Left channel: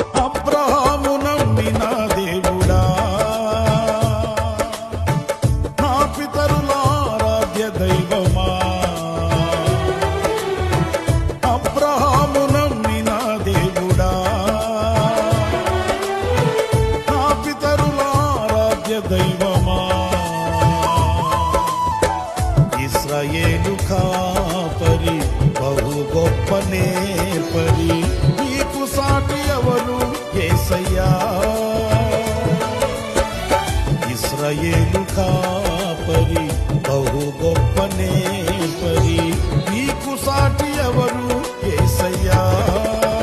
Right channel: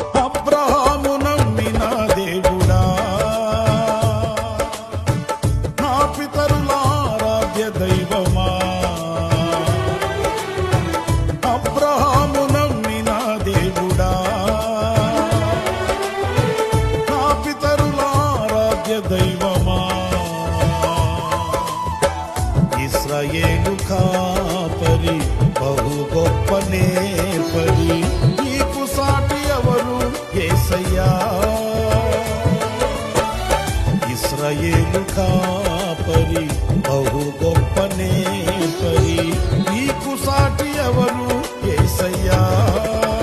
అబ్రహాము నమ్మిన దేవుడా, నా పితరుల ఆరాధ్య దైవమా. అబ్రహాము నమ్మిన దేవుడా, నా పితరుల ఆరాధ్య దైవమా. ఇశ్రాయేలు కాపరి బహు గొప్ప నేర్పరి, నీకు సాటి ఎవరు యేసయ్యా. ఇశ్రాయేలు కాపరి బహు గొప్ప నేర్పరి, నీకు సాటి ఎవరు యేసయ్యా.